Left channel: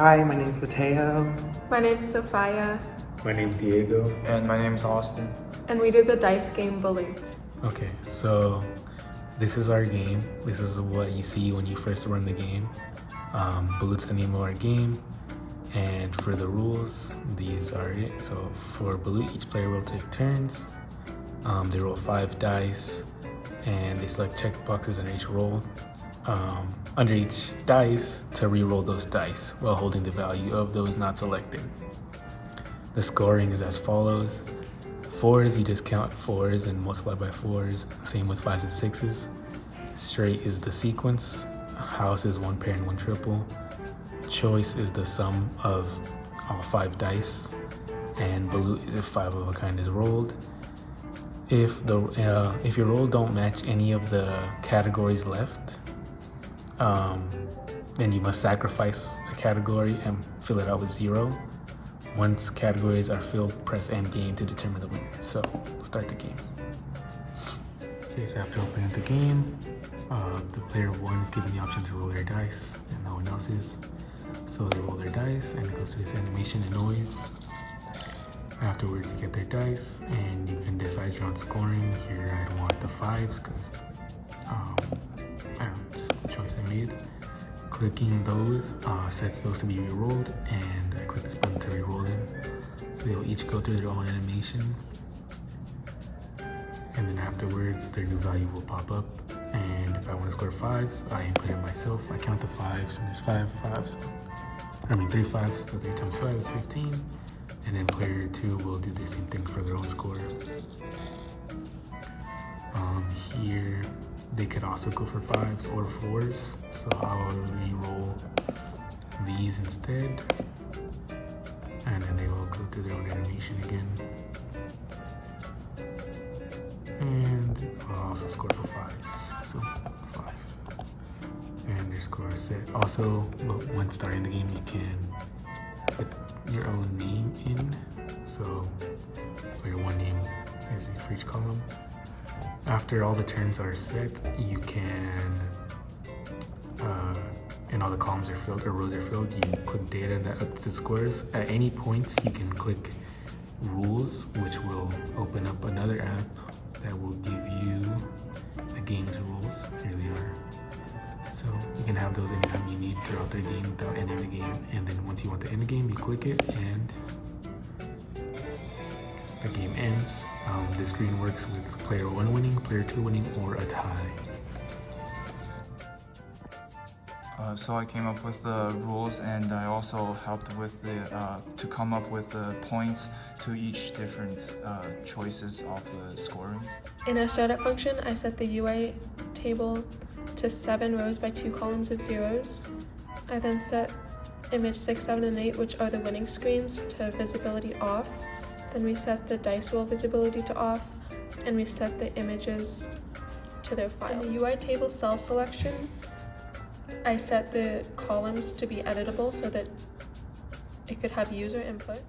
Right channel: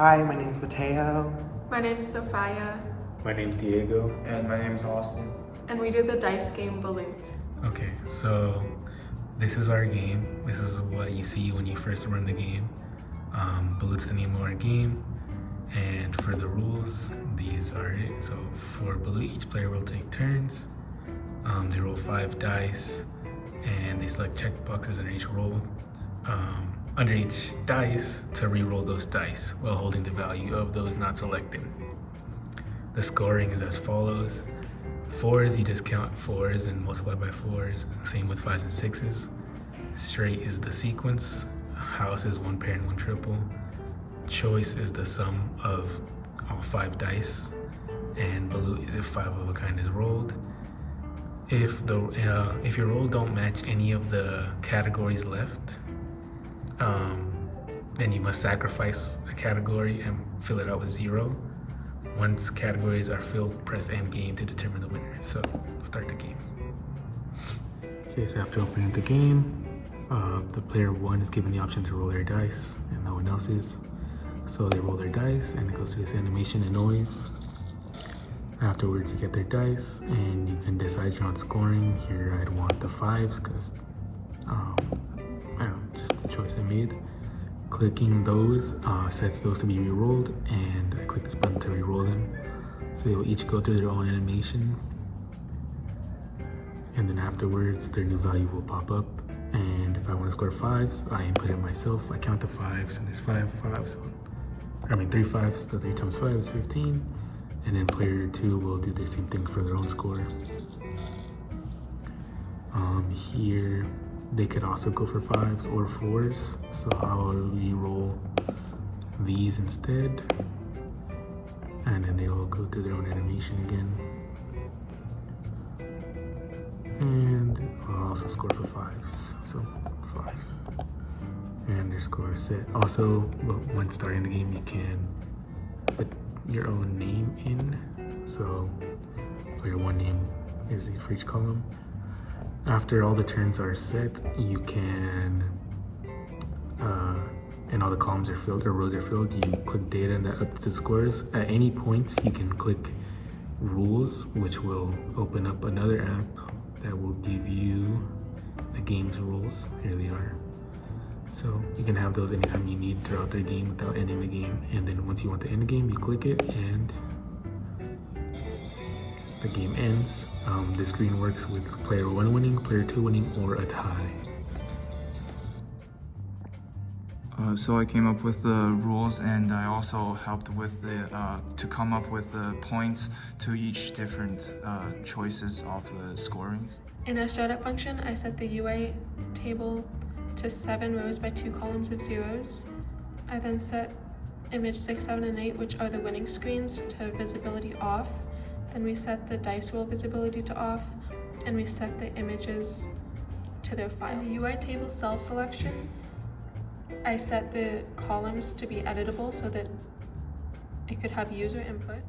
Hi, my name's Mateo. My name's Sophia. My name's Diego. And my name's Austin. And we did the dice game Balut. Okay, so this is our game. This is what you see when you first run the game. Balut's the name of our game. And for the rules, these are it. So for Balut, each player will take turns. They roll 5 dice and they select check boxes under each roll. Under each dice to re-roll those dice while holding the value of those not selected. The scoring is as follows. 4s, you just count 4s and multiply by 4s. Same with 5s and 6s. Straight is the sequence. House is 1 pair and 1 triple. Choice is the sum of all 5 dice. And Balut is if 5 of a kind is rolled. If your rolls don't match any of the categories left, then you must sacrifice a category and fill it out with 0. Once categories are filled, press end game to determine the winner. So, we'll start the game. Okay, so after opening up the game, the player 1 is given the option to roll their dice, and no one else is. So they roll their dice, and it goes through this animation and noise. Afterwards, you get their dice, and you can decide your own scoring. Here, I'd want the 5s, because, I don't know, just the choice I made. Clicking those sets those to be re-rolled, and I click this button to re-roll them. So they will each go through their own animation, and then afterwards their new value will pop up. And if I want to score 5s, I input it myself. I count the 5s, and there's 3 5s, so 3 times 5 is 15. And then player 2 will do the same thing for their own score. Here, they could also go for 5s or 4s, so I'll re-roll these instead, and then they will go through their own animation again. And I'll also score for 5s, so 5s. And their score is set. Also, when starting the game, you can put your own name in, so player 1 name is for each column. After all the turns are set, you can, and all the columns are filled or rows are filled, you click data and that updates the scores. At any point, you can click rules, which will open up another app that will give you the game's rules. Here they are. So you can have those anytime you need throughout the game without ending the game. And then once you want to end the game, you click it and the game ends. The screen works with player 1 winning, player 2 winning, or a tie. So I came up with the rules, and I also helped with to come up with the points to each different choices of the scoring. In our setup function, I set the UI table to 7 rows by 2 columns of 0s. I then set image 6, 7, and 8, which are the winning screens, to visibility off. Then we set the dice roll visibility to off, and we set the images to their files. In the UI table cell selection, I set the columns to be editable so that it could have user input.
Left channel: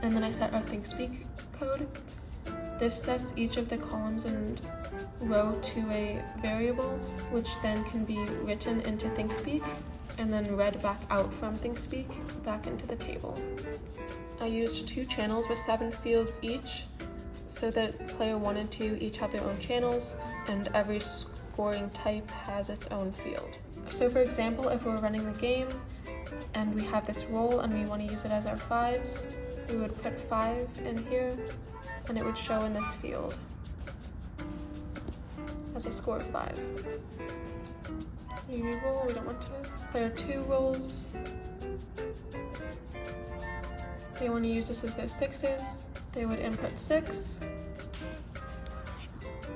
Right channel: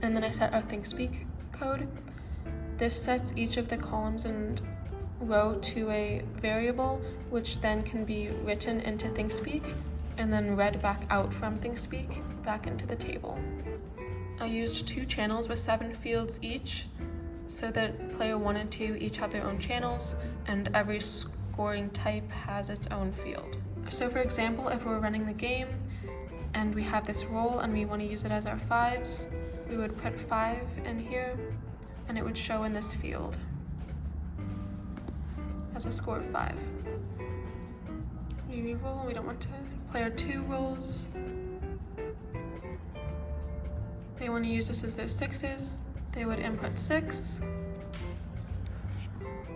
And then I set our ThinkSpeak code. This sets each of the columns and row to a variable, which then can be written into ThinkSpeak and then read back out from ThinkSpeak back into the table. I used 2 channels with 7 fields each, so that player 1 and 2 each have their own channels, and every scoring type has its own field. So for example, if we're running the game and we have this roll and we want to use it as our 5s, we would put 5 in here and it would show in this field as a score of 5. We re-roll, we don't want to. Player 2 rolls. They want to use this as their 6s. They would input 6.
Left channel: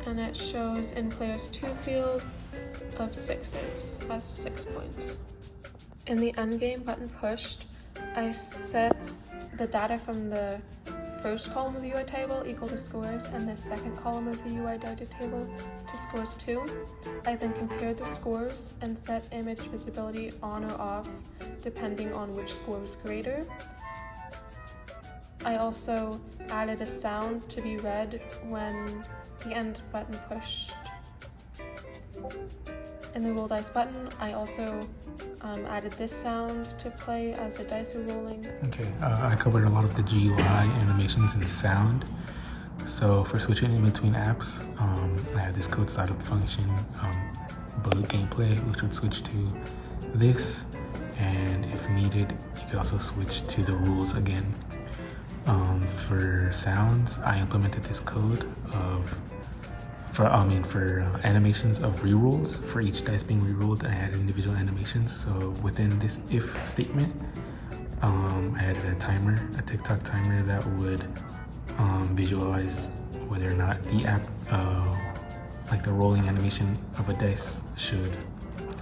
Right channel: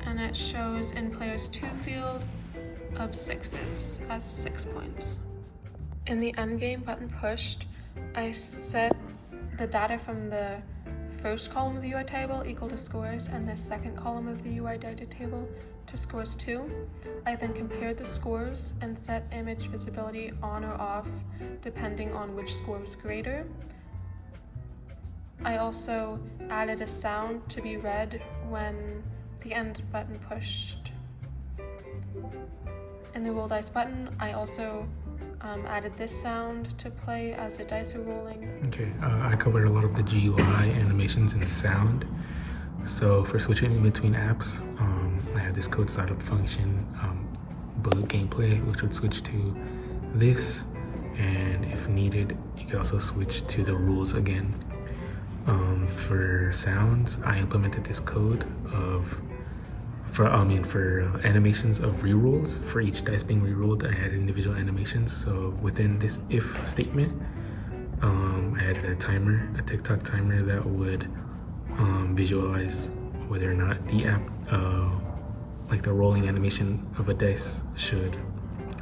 And it shows in player's 2 field of 6s as 6 points. In the endgame button pushed, I set the data from the first column of the UI table equal to scores, and the second column of the UI data table to scores 2. I then compared the scores and set image visibility on or off depending on which score was greater. I also added a sound to be read when the end button pushed. In the roll dice button, I also added this sound to play as the dice are rolling. Okay, I covered a lot of the GUI animations and sound. So for switching in between apps, I had this code startup function, Balut gameplay, which would switch to this, and if needed, you could also switch to the rules again. For sounds, I implemented this code for animations of rerolls. For each dice being rerolled, I had individual animations. So within this if statement, I added a timer, a TikTok timer that would visualize whether or not the app, like the rolling animation of a dice, should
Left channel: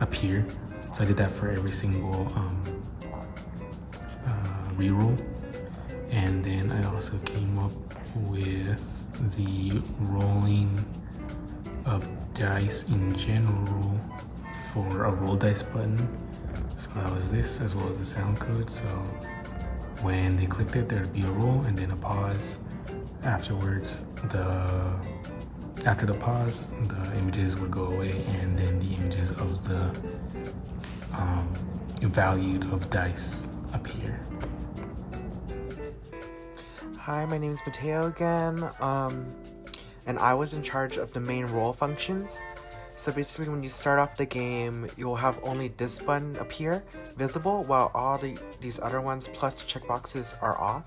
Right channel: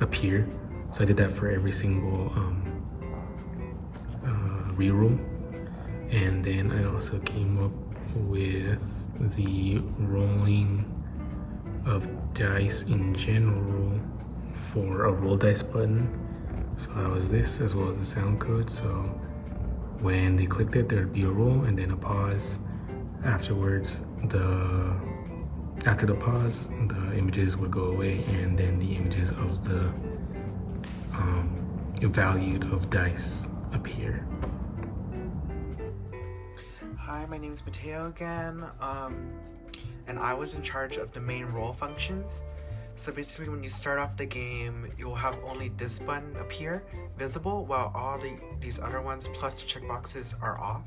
appear. So I did that for every single reroll. And then I also came up with the rolling of dice in general for a roll dice button. So that was this, as well as the sound code. So when they clicked it, there'd be a roll and then a pause. Afterwards, after the pause, the images would go away, and then the images of the valued of dice appear. Hi, my name is Mateo again, and I was in charge of the main roll functions. So basically, when you start off the game, you'll have only this button appear visible, while all these other ones plus the checkboxes are off.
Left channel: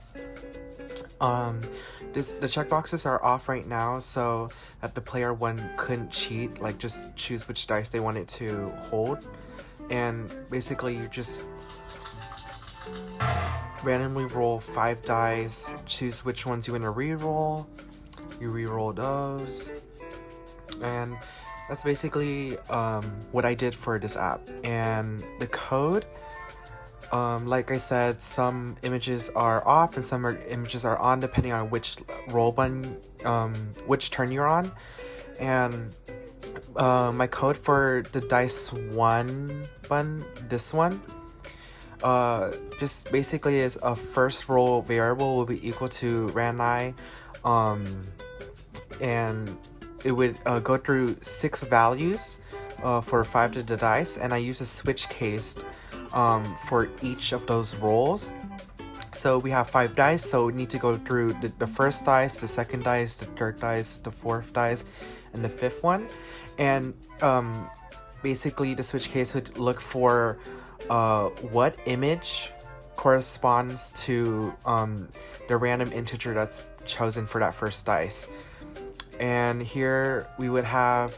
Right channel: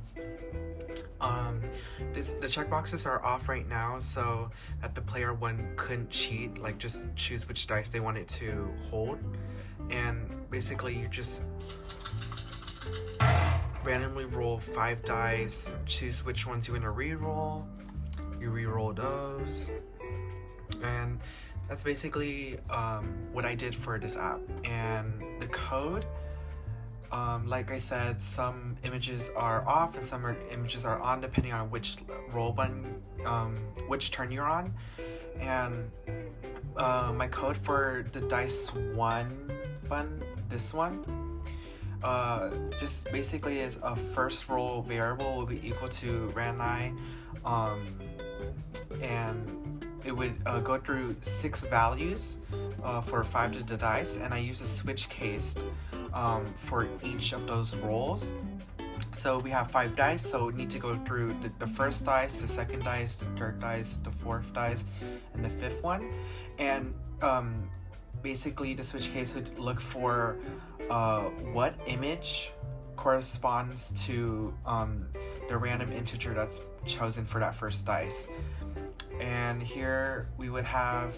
The checkboxes are off right now, so that the player one couldn't cheat, like just choose which dice they wanted to hold, and basically you just randomly roll 5 dice, choose which ones you want to re-roll, you re-roll those, and that's basically what I did for this app. And the code, like I said, some images are off and some images are on depending on which roll button, which turn you're on. And my code for the dice 1 button, this one, just basically is a first roll variable will be equal to randi, and it would go through 6 values for 5 of the dice, and I use a switch case for each of those rolls. So we have 5 dice, so we need to go through the first dice, the second dice, the third dice, the fourth dice, and the 5th one. And basically the switch case would look for what image corresponds to the random integer that's chosen for that first dice. And here we would have,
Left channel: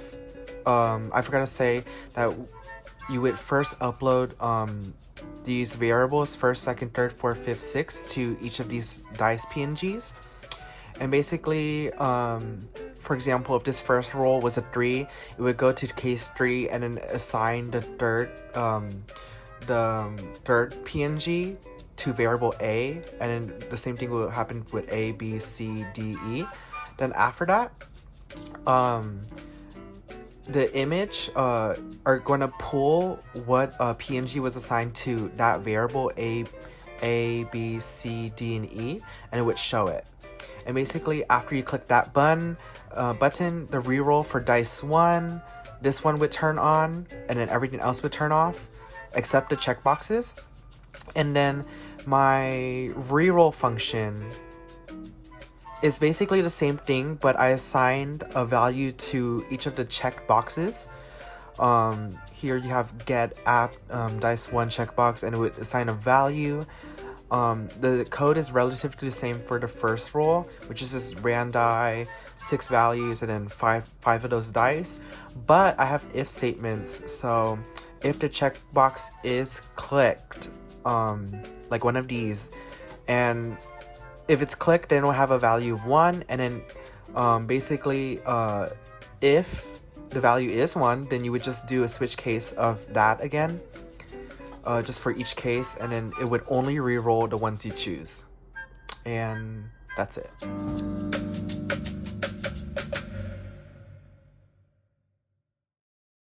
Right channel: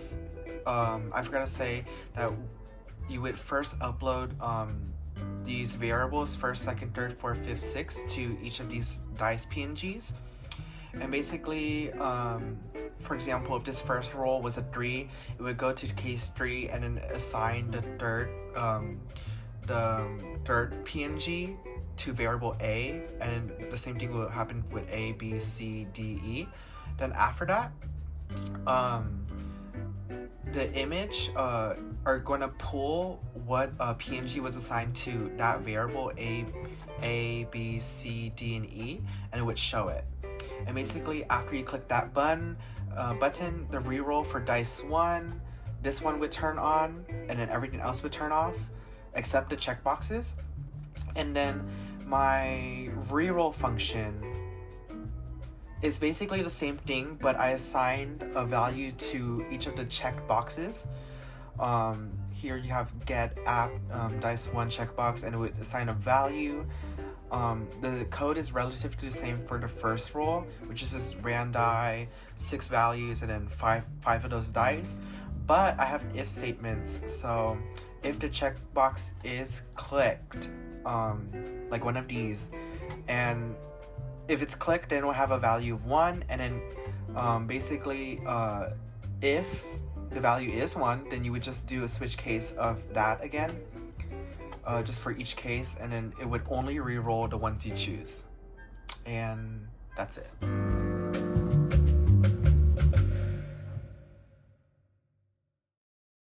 I forgot to say that you would first upload these variables, 1st, 2nd, 3rd, 4th, 5th, 6th, to each of these dice PNGs. And basically, for example, if this first roll was a 3, it would go to case 3 and then assign the third PNG to variable A, and then the same thing will happen with A, B, C, D, E. Then after that, the image are going to pull what PNG was assigned to that variable A, B, C, D, and E, and it would show it. And basically, after you click that button, the reroll for dice 1, this one would turn on, and then everything else would turn off, except the checkboxes. And then my reroll function is basically the same thing, but I assigned a value to each of the checked boxes. Here you have get app dice 1 checkbox, and it would assign a value. The code is relatively the same for the first roll, which is just randi, 6 values, and then 5 of those dice. But I have if statements, so if the checkbox is clicked, like one of these, and if it's clicked, then it'll have a value of 1, and then basically if the value is 1, then you would just do a switch case of that again, just for each case, and then it would only re-roll the ones you choose. And that's it.